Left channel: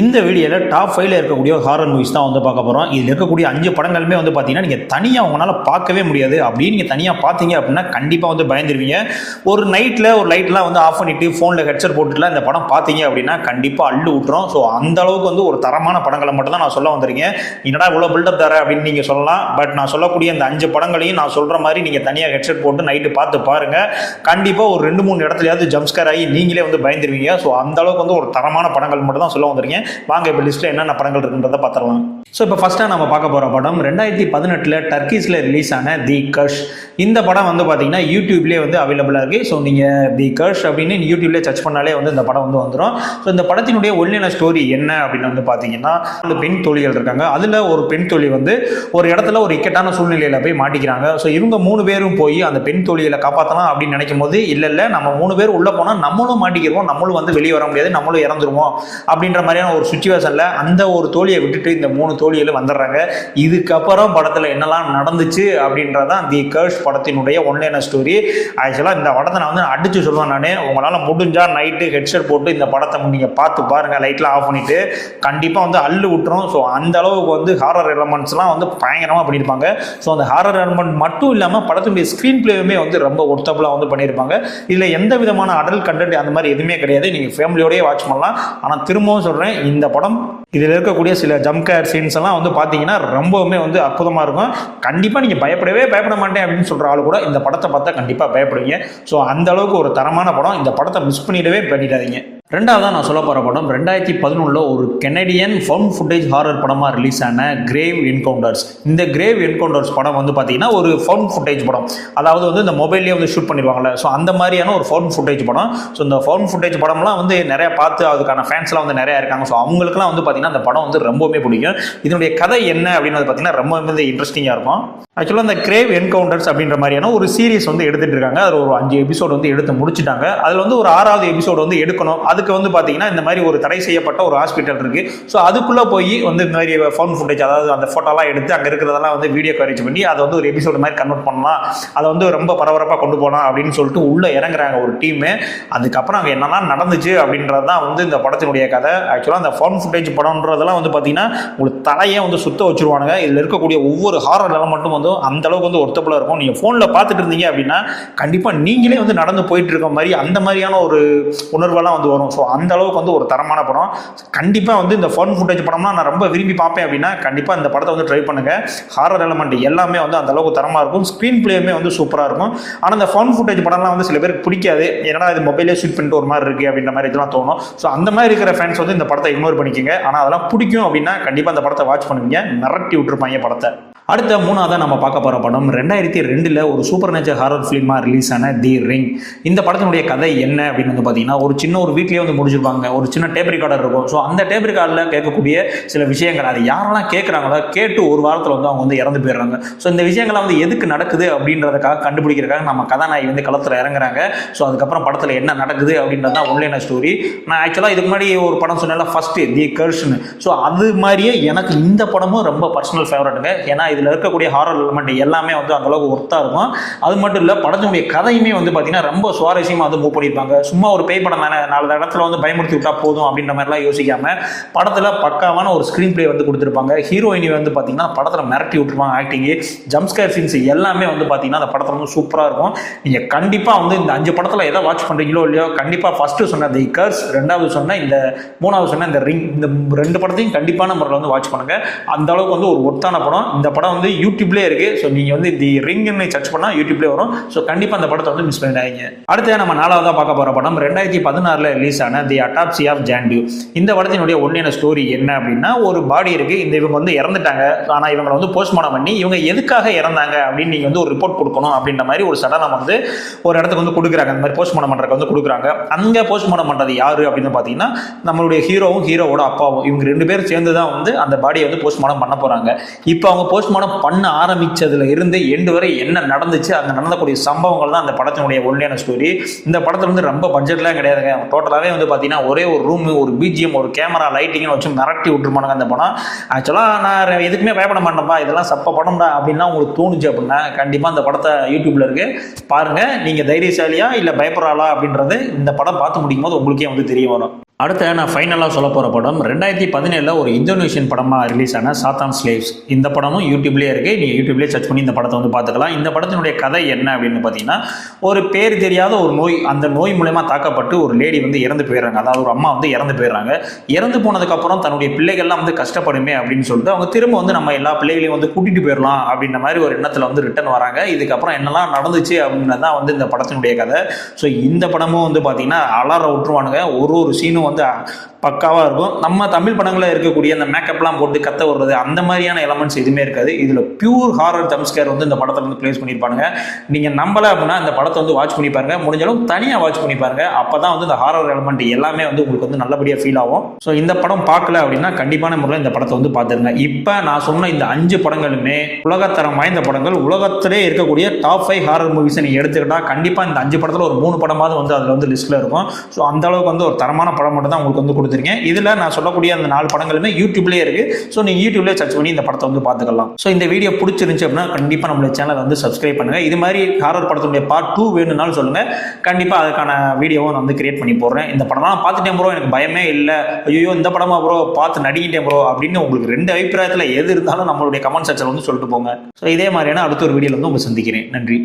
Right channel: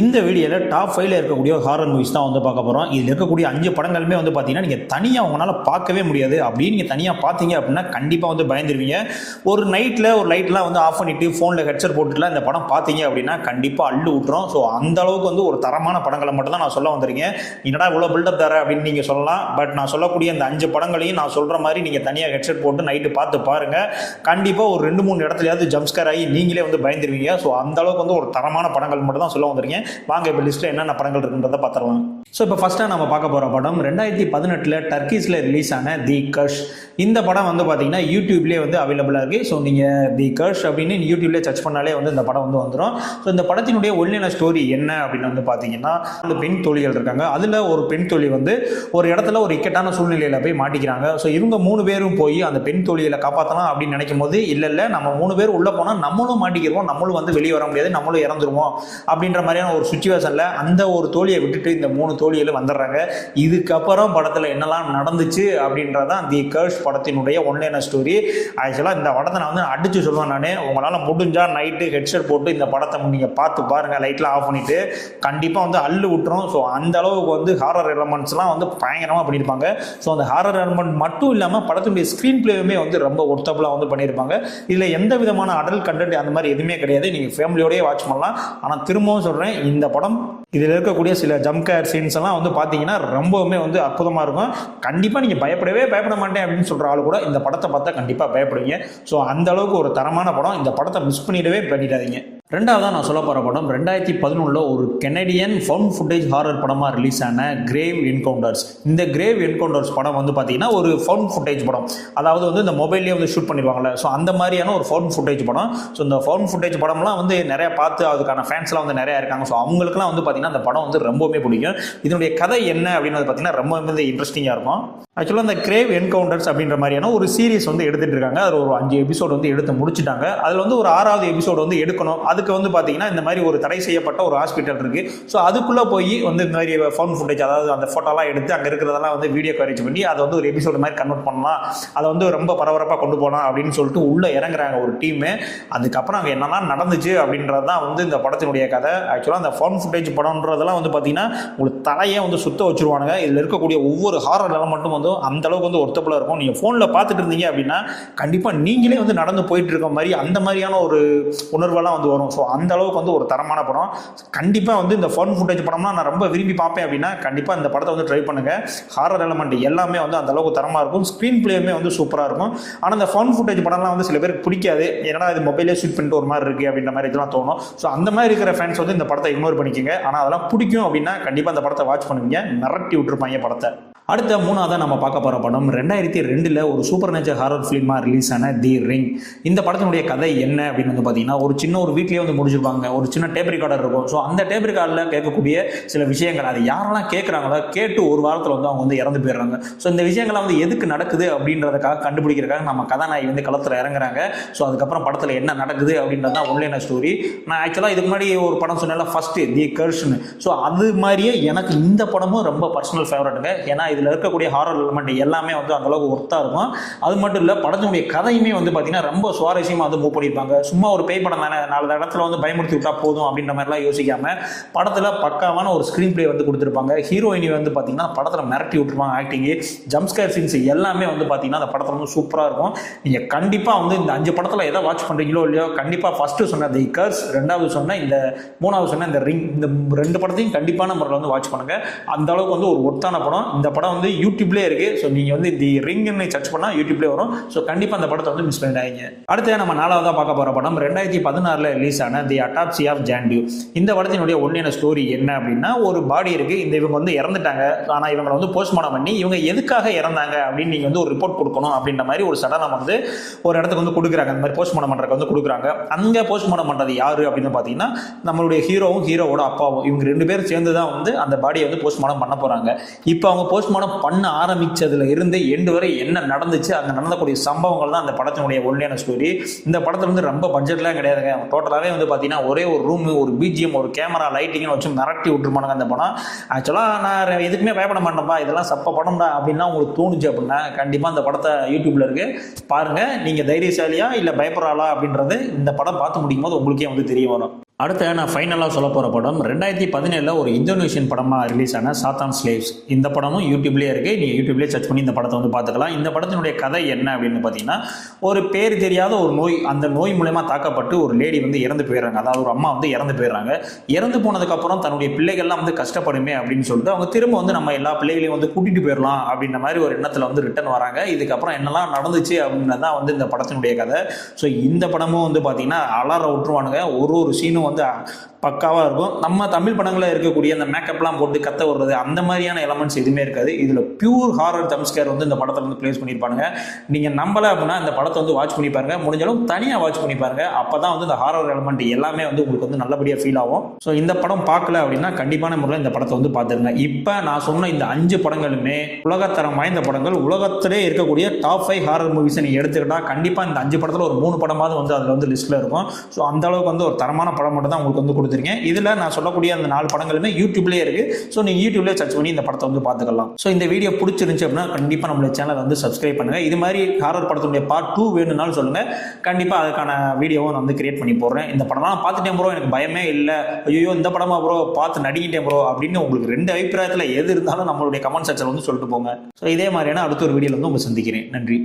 இந்த வீடியோவில் டாப் 5ல இருக்கக்கூடிய ஹாரர் மூவிஸ் தான் வந்து பார்க்க போகிறோம். இதில் இருக்கக்கூடிய 5 படங்களுமே வந்து பார்த்தீங்கன்னா நீங்கள் தனியாக உங்களால் பார்க்கவே முடியாது. அப்படியே நீங்கள் தனியாக பார்த்தீங்க அப்படின்னா கண்டிப்பாக வந்து பயந்துருவீங்க. ஒரு லைட்லாம் வந்து ஆஃப் பண்ணிவிட்டு ஃபோனில் ஹெட்செட் போட்டுட்டுலாம் இந்த படம் பார்த்தீங்க அப்படின்னா கண்டிப்பாக அள்ளு விட்டுரும். ஸோ அந்த அளவுக்கு வந்து ஒரு தரமான படங்களை மட்டும் தான் நான் சொல்ல வந்திருக்கேன். என்னடா இவ்வளோ பில்டப் தர அப்படின்னு நீங்கள் சொல்லலாம். பட் நான் சொல்லக்கூடிய இந்த 5 படங்களையும் நான் சொல்கிற மாதிரி நீங்கள் தனியாக ஹெட்செட் போட்டு நைட்டு பார்த்து பாருங்கள். கண்டிப்பாக ஒரு 2-3 இடத்துலையாவது ஜம்ஸ்கேர் ஆகி நீங்களே வந்து பயந்துருவீங்க. ஸோ அந்த அளவுக்கு வந்து ஒரு தரமான படங்கள் மட்டும் தான் சொல்ல வந்திருக்கேன். வாங்க இப்போ லிஸ்ட்டில் என்னென்ன படங்கள் இருக்குன்றதை பார்த்துடலாம். ஸோ இப்போ ஃபஸ்ட்டாக நம்ம பார்க்க போகிற படம் 2018 டர்க்கிஸில் ரிலீஸ் ஆன தி கர்ஷ். இந்த படம் வந்து பார்த்தீங்கன்னா யூடியூப்லேயே வந்து அவைலபிளாக இருக்குது. ஸோ நீங்கள் தி கர்ஷ் அப்படின்னு யூடியூப்லேயே சர்ச் பண்ணாலே வந்து இந்த படம் வந்து வந்துடும். ஸோ இந்த படத்தினுடைய ஒல்லியான ஸ்டோரி என்ன அப்படின்னு வந்து பார்த்தீங்கன்னா, அந்த பெண் தோழிகள் இருக்காங்க. அதில் ஒரு பெண் தோழி வந்து ஒரு இடத்துல ஒரு இக்கட்டான சூழ்நிலையில் போய் மாட்டிக்கிறாங்க. ஸோ இவங்க 3 பேரும் போய் அந்த பெண் தோழிகளை காப்பாற்றலாம் அப்படின்னு நினைக்கும் போது இல்லை நம்ம 3 பேர் உள்ளே போனால் நம்மளும் மாட்டிக்கிறோம், நம்மளும் வந்து வெளியே வர முடியாது, நம்மளும் இறந்துருவோம் அப்படின்ற மாதிரியான ஒரு சுச்சுவேஷனில் அந்த ஒரு தோழியை விட்டுட்டு இந்த 3 தோழிகளும் வந்துடுறாங்க. இதுக்கப்புறம் படத்தில் என்னெல்லாம் நடந்துச்சு அப்படின்றதான் தி கர்ஷ் படத்தினுடைய ஒன்லைன ஸ்டோரி. ஆக்சுவலாக இந்த படத்தை நான் வந்து அடித்து சொல்லுவேன். நான் உங்களால் முடிஞ்சால் நைட்டு ஹெட்செட் போட்டு இந்த படத்தை நீங்கள் பார்த்து பாருங்கள், லைட்லாம் ஆஃப் பண்ணிவிட்டு கண்டிப்பாக வந்து அள்ளு விட்டுரும். ஸோ அந்த அளவுக்கு வந்து ஹாரர் எலமெண்ட்ஸ்லாம் வந்து பயங்கரமாக பண்ணியிருப்பாங்க. ஸோ அந்த ஹாரர் எலமெண்ட் மட்டும் இல்லாமல் படத்தினுடைய ஸ்க்ரீன் பிளேயுமே வந்து ரொம்ப ஒர்த்தபுளாக வந்து பண்ணியிருப்பாங்க. இதில் எந்த விதமான அடல்ட் கண்டென்ட் அந்த மாதிரி எதுவுமே கிடையாது. நீங்கள் ஃபேமிலியோடய வாட்ச் பண்ணலாம். ஆனால் திரும்பவும் சொல்கிறேன், இந்த படம் இதில் இருக்கக்கூடிய சில ஜம்ப்கேர் சீன்ஸ் எல்லாம் வந்து பார்த்தீங்கன்னா ரொம்பவுமே வந்து அற்புதமாக இருக்கும். கண்டிப்பாக நீங்கள் பயப்பட மாட்டேன் அப்படின்னு சொல்கிற ஆள் கூட இந்த படத்தை பார்த்தா கண்டிப்பாக பயப்படுவீங்க. ஸோ அந்த அளவுக்கு ஒரு தரமான படம். இந்த படத்தை மிஸ் பண்ணிடாதீங்க. ரெண்டாவதாக நான் சொல்ல போகிற படம் 2011 ஒரு கெனடியன் ஃபவுண்ட் ஃபுட்டேஜ் ஹாரர் படமாக ரிலீஸ் ஆன கிரேவ் என்கவுண்டர்ஸ். இந்த கிரேவ் என்கவுண்டர்ஸ் படம் வந்து பார்த்தீங்கன்னா ஒரு ஃபவுண்ட் ஃபுட்டேஜ் படம். அதாவது வந்து இந்த மொபைல்லேயே வந்து ஷூட் பண்ணிடுவாங்கல்ல, ஸோ அந்த மாதிரியான ஒரு ஃபவுண்ட் ஃபுட்டேஜ் படம். ஸோ இந்த ஃபவுண்ட் ஃபுட்டேஜ் படம்லாம் வந்து நிறைய பார்த்து அதுக்கான ஃபேன்ஸ்லாம் வந்து நிறையா இருக்காங்க. ஸோ அவங்களுக்குலாம் வந்து பார்த்தீங்கன்னா அந்த படம் வந்து ரொம்பவுமே பிடிக்கும். இதனுடைய கதை என்ன அப்படின்னு பார்த்தீங்கன்னா ரொம்ப வந்து இன்ட்ரெஸ்டிங்காக இருக்கும். ஆக்சுவலாக இந்த கிரேவ் என்கவுண்டர்ஸ் அப்படின்ற மாதிரியான ஒரு சீரிஸ் வந்து எடுத்துகிட்டு இருக்காங்க. அதில் ஒரு 5 எபிசோடு வந்து எடுத்து முடிச்சுட்டாங்க. அதில் வந்து ஒரு 6வது எபிசோடு வந்து எடுக்கணும். அதுக்கு வந்து பார்த்தீங்கன்னா இந்த மாதிரி ஒரு தடை செய்யப்பட்ட ஒரு ஹாஸ்பிட்டல் இருக்குது. ஸோ அதுக்குள்ளே போய் வந்து இந்த மாதிரி ஃபவுண்ட் ஃபுட்டேஜ், அதாவது அந்த ஃபோட்டோலாம் எடுத்து அங்கே இருக்கிறதெல்லாம் வந்து வீடியோ கவரேஜ் பண்ணி அதை வந்து ஒரு எபிசோடு மாதிரி கன்வெர்ட் பண்ணலாம், அதை வந்து ரொம்ப பரபரப்பாக கொண்டு போகலாம் அப்படின்னு சொல்லிட்டு உள்ளே இறங்குறாங்க ஒரு டீமு. அதுக்கப்புறம் அங்கே என்னெல்லாம் நடந்துச்சு அப்படின்றது தான் வந்து இந்த படத்தினுடைய கதை. ஆக்சுவலாக அந்த ஃபவுண்ட் ஃபுட்டேஜ் படம்ன்றதெல்லாம் வந்து பார்த்தீங்கன்னா உங்களுக்கு தலையே வந்து சுத்த வச்சுருவானுங்க. இதில் இருக்கக்கூடிய ஒவ்வொரு ஹாரர் எலமெண்ட்டும் வந்து அந்த அளவுக்கு வந்து ஒர்த்தபுளாக இருக்கும். நீங்கள் ஃபோனில் பார்த்துட்டு இருந்தீங்க அப்படின்னா கண்டிப்பாக நீங்களே வந்து நடந்து போயிட்டு இருக்க மாதிரி அந்த மாதிரியான ஒரு உணர்வெல்லாம் வந்து வரும். ஸோ அந்த அளவுக்கு வந்து ஒரு தரமான படம். கண்டிப்பாக வந்து இந்த ஃபன் ஃபுட்டேஜ் படம்லாம் நான் ரொம்ப விரும்பி பார்ப்பேன் அப்படின்னா கண்டிப்பாக இந்த படத்தை வந்து ட்ரை பண்ணுங்கள். ஹாரர் எலமெண்ட் எல்லாமே வந்து அந்த அளவுக்கு தரமாக இருக்கும். ஸ்க்ரீன் பிளேயுமே வந்து சூப்பராக இருக்கும். ஆனால் இந்த ஃபன் ஃபுட்டேஜ் படம்லாம் வந்து சில பேருக்கு பிடிக்காது. ஏன்னா இது மொபைலே ஷூட் பண்ணிட்டு ஒரு மாதிரி இருக்குது அப்படின்ற மாதிரி இதெல்லாம் தோணும். ஸோ அந்த மாதிரி இருக்கிற ஃபேன்ஸ் வந்து இந்த படத்தை இக்னோர் பண்ணிக்கோங்க. ஆனால் அதெல்லாம் பிடிக்கும் அப்படின்னா கண்டிப்பாக இந்த படத்தை வாட்ச் பண்ணுவீங்க. மிரட்டி விட்டுருப்பாங்க படத்தை. அடுத்த 3ஆவதாக நம்ம பார்க்க போகிற படம் 2002 ஒரு சூப்பர் நேச்சர் ஹாரர் ஃபிலிமாக ரிலீஸ் ஆன தி ரிங். இந்த படத்தினுடைய கதை என்ன அப்படின்னு வந்து பார்த்தீங்கன்னா, ஒரு சின்ன ஒரு வீட்லேயே வந்து முடிச்சிருப்பாங்க. ஒரு சின்ன டேப் ரெக்கார்டர் இருக்கும். ஸோ அந்த டேப் ரெக்கார்டில் கேட்கக்கூடிய சில விஷயங்கள், அது யாரெல்லாம் கேட்குறாங்களோ கேட்டு ஒரு வாரத்தில் வந்து அவங்க வந்து இறந்து போயிடுறாங்க. ஸோ இந்த விஷயங்கள்லாம் வந்து எதுக்கு நடக்குது அப்படின்றதுக்காக கண்டுபிடிக்கிறதுக்காக நம்ம கதாநாயகி வந்து களத்தில் இறங்குறாங்க. ஸோ அதுக்கப்புறம் படத்தில் என்ன நடக்குது அப்படின்றது தான் ஒன்லைன ஸ்டோரி. நான் ஆக்சுவலாக இதுக்கு முன்னாடி ஒரு படம் சொன்னால ஃபஸ்ட்டு தி கர்ஷ்னு. ஸோ அது மாதிரியே எனக்கு இந்த படமும் ரொம்ப பர்சனல் ஃபேவரட்டுங்க. ஏன்னா இதில் இருக்கக்கூடிய ஹாரர் எலிமெண்ட் எல்லாமே வந்து அந்த அளவுக்கு ஒர்த்தாக இருக்கும். அது மட்டும் இல்லை, படத்தினுடைய கதையுமே வந்து பார்த்தீங்கன்னா ரொம்ப சுவாரஸ்யமாக வந்து மூவ் பண்ணியிருப்பாங்க. சும்மா ஒரு பேய் படம் தானே, 4 இடத்துல வந்து பயமுறுத்தி விட்டா போதும் அப்படின்ற மாதிரிலாம் யோசிக்காமல் படத்தில் பக்காவான ஒரு ஸ்க்ரீன் பிளே வந்து கொடுத்துருப்பாங்க. ஹீரோயினி வந்து பார்த்தீங்கன்னா படத்தில் மிரட்டி விட்டுருப்பாங்க. ஆக்டிங்கு, ஜம்ப்ஸ்கேர் சீன்ஸ் எல்லாமே வந்து பார்த்தீங்கன்னா அந்த படத்தில் வந்து சூப்பராக இருக்கும். நீங்கள் கண்டிப்பாக வந்து இந்த 5 படத்தில் எதை வாட்ச் பண்ணுறீங்களோ இல்லையோ கண்டிப்பாக ஃபஸ்ட்டு சொன்ன தி கர்ஸ், 2வது சொன்ன இந்த 3வது சொன்ன இந்த ரிங், இந்த 2 படத்தையும் கண்டிப்பான முறையில் வந்து வாட்ச் பண்ணுங்கள். அந்த அளவுக்கு வந்து ஒரு ஒர்த்தான படம். இந்த படம் வந்து யூடியூப்லேயே இருக்குது. ஸோ நீங்கள் வந்து தி ரிங்னு சர்ச் பண்ணால் யூடியூப்லேயே வரும். ஸோ கண்டிப்பாக அந்த படத்தை வந்து மிஸ் பண்ணிடாதீங்க. அடுத்து நம்ம 4ஆவதாக பார்க்க போகிற படம் 2016 ரிலீஸ் ஆன தி அட்டாப்சி ஆஃப் ஜான்டியூ. இந்த படத்தினுடைய ஒன்லைன ஸ்டோரி என்ன அப்படின்னா, ஒரு பாடி இருக்குது. இவங்க வந்து இறந்துட்டாங்க. ஆனால் இவங்களை வந்து போஸ்ட்மார்ட்டம் பண்ணி இவங்க எதுக்காக இறந்தாங்க அப்படின்னு நீங்கள் வந்து ஒரு ரிப்போர்ட் கொடுக்கணும் அப்படின்ற மாதிரி ஒரு சடனம் வந்து ஒரு இடத்துக்கு வந்து கொடுக்குறாங்க. அந்த மாதிரி போஸ்ட்மார்ட்டம் பண்ணுறதுக்கு வந்து கொடுக்குறாங்க. அங்கே போஸ்ட்மார்ட்டம் பண்ணுறது யார் அப்படின்னு பார்த்தீங்கன்னா, நம்மளுடைய ஹீரோவும் ஹீரோவோட அப்பாவும், இவங்க 2 பேரும் சேர்ந்து தான் வந்து அந்த பாடியை வந்து போஸ்ட்மார்ட்டம் பண்ண போகிறாங்க. இப்போ அவங்க போஸ்ட்மார்ட்டம் பண்ண ஆரம்பிச்சதுல இருந்து எண்டு வரை என்ன நடந்துச்சு, அங்கே நடந்தக்கூடிய சம்பவங்கள் தான் அந்த படத்தினுடைய ஒன்லைன ஸ்டோரி. இந்த படத்தில் வந்து ரொம்ப பட்ஜெட்லாம் கிடையாதுங்க. டோட்டலாகவே வந்து பார்த்தீங்கன்னா ஒரே ஒரு ரூம், ஒரு பிஜிஎம், ஒரு கேமரா, லைட்டிங்னு வச்சு மிரட்டி விட்டுருப்பானுங்க அந்த படம். ஆக்சுவலாக நான் எதுக்குமே பயப்பட மாட்டேன்ப்பா, இதெல்லாம் சப்ப படம்டா அப்படின்னா உங்களுக்கு தோணுச்சு அப்படின்னா கண்டிப்பாக அந்த படத்தை யூடியூப்ல இருக்கு பாருங்க. நீங்கள் தைரியசாலியா இல்லை பயப்படுறாளா அப்படின்றது இந்த படம் பார்த்து முடிக்கும் போது உங்களுக்கே வந்து தெரிய வரும். அடுத்து நான் ஃபைனலாக சொல்ல போகிற படம் 2017 ஒரு இந்தோனேஷியன் படமாக ரிலீஸ் ஆன சாத்தான் ஸ்லேவ்ஸ். இந்த படமும் யூடியூப்லேயே இருக்குது. நீங்கள் யூடியூப்லேயே சர்ச் பண்ணி இந்த படத்தை வந்து பார்த்துக்கலாம். இந்த படத்தினுடைய கதை என்ன அப்படின்னு பார்த்தீங்கன்னா, ஒரு பேர் தெரியாத ஒரு நோய், அந்த நோய் மூலமா தாக்கப்பட்டு ஒரு லேடி வந்து இறந்து போயிடுறாங்க. அதாவது ஒரு அம்மா வந்து இறந்து போயிடுறாங்க. இறந்து போனதுக்கப்புறம் தன்னுடைய பிள்ளைகள்லாம் வந்து கஷ்டப்படுமே அப்படின்னு சொல்லிட்டு அவங்க திரும்ப வந்து நம்ம எல்லா பிள்ளைகளையும் வந்து கூட்டிகிட்டு போயிடலாம் அப்படின்ற மாதிரி ஒரு எண்ணத்தில் வந்து ரிட்டர்ன் வராங்க. இதுக்கப்புறம் என்னெல்லாம் நடந்துச்சு அப்படின்னு தான் வந்து இந்த படத்தினுடைய கதை. ஸோ இந்த படமும் வந்து பார்த்தீங்கன்னா அலற விட்டுருவானுங்க. ஒரு சீனும் வந்து பக்காவாக இருக்கும். நம்ம தமிழ் படங்களில் இருக்கக்கூடிய அந்த மேக்கப்லாம் போட்டு கத்த விடுறது அந்த மாதிரியான எலமெண்ட்ஸ் எதுவுமே இருக்காது. இதில் பியூர் ஹாரர் ஜம்ப்ஸ்கேர் வந்து இந்த படத்தில் வந்து ப்ளேஸ் பண்ணியிருப்பாங்க. நீங்கள் நம்பலை அப்படின்னா இந்த படத்தை வந்து வாட்ச் பண்ணி பாருங்க. முடிஞ்சாலும் தனியாக வாட்ச் பண்ணி பாருங்க. அப்போ தான் வந்து இந்த ஹாரர் எலமெண்ட் எல்லாமே வந்து உங்களுக்கு வந்து நல்லபடியாக ஃபீல் ஆகும். ஸோ இந்த படம் பார்க்கல அப்படின்னா கண்டிப்பான முறையில் இந்த படத்தை வந்து பார்த்துருங்க. இப்போ நான் சொன்ன இந்த 5 படங்களுமே உலகத்தரம் வாய்ந்த படங்கள். உலகத்திலே இருக்கக்கூடிய டாப் 5 ஹாரர் மூவிஸை நீங்கள் எடுத்துக்கிட்டால் கண்டிப்பாக இந்த 5 படத்தில் ஒரு 3 படமாவது வந்து அதில் வந்து லிஸ்ட்டில் இருக்கும். ஸோ அந்த அளவுக்கு வந்து ஒரு தரமான படம் மட்டும் தான் உங்களுக்கு வந்து கொடுத்துருக்கேன். இதில் நான் சொல்லக்கூடிய அந்த 4 படங்களுமே யூடியூப்லேயே இருக்கு. ஸோ நீங்கள் யூடியூப்லேயே சர்ச் பண்ணி இந்த படத்தை வந்து பார்த்துக்கலாம். ஸோ இந்த வீடியோ பிடிச்சிருந்துச்சு அப்படின்னா கண்டிப்பாக நம்மளுடைய சேனலை வந்து சப்ஸ்கிரைப் பண்ணுங்க. இது மாதிரி ஹாரர் படத்துடைய பார்ட் 2 வேணும்னாலும் சொல்லுங்க. கண்டிப்பாக அதுக்கான வீடியோவும் நான் வந்து கிரியேட் பண்ணி போடுறேன். இந்த படம்லாம் பார்த்துட்டேன் ப்ரோ, எனக்கு பயமே இல்லை, ஐயோ இந்த படமா ப்ரோ பார்த்து நடிக்கிட்டேன் ப்ரோ அப்படின்னு உங்களுக்கு 2 அபிப்பிராயத்தில் எது இருந்தாலும் நம்மளுடைய கமெண்ட் செக்ஷன் வந்து சொல்லிட்டு போங்க. ஸோ இதே மாதிரியான அடுத்த ஒரு வீடியோவில் வந்து உங்களை சந்திக்கிறேன். நன்றி.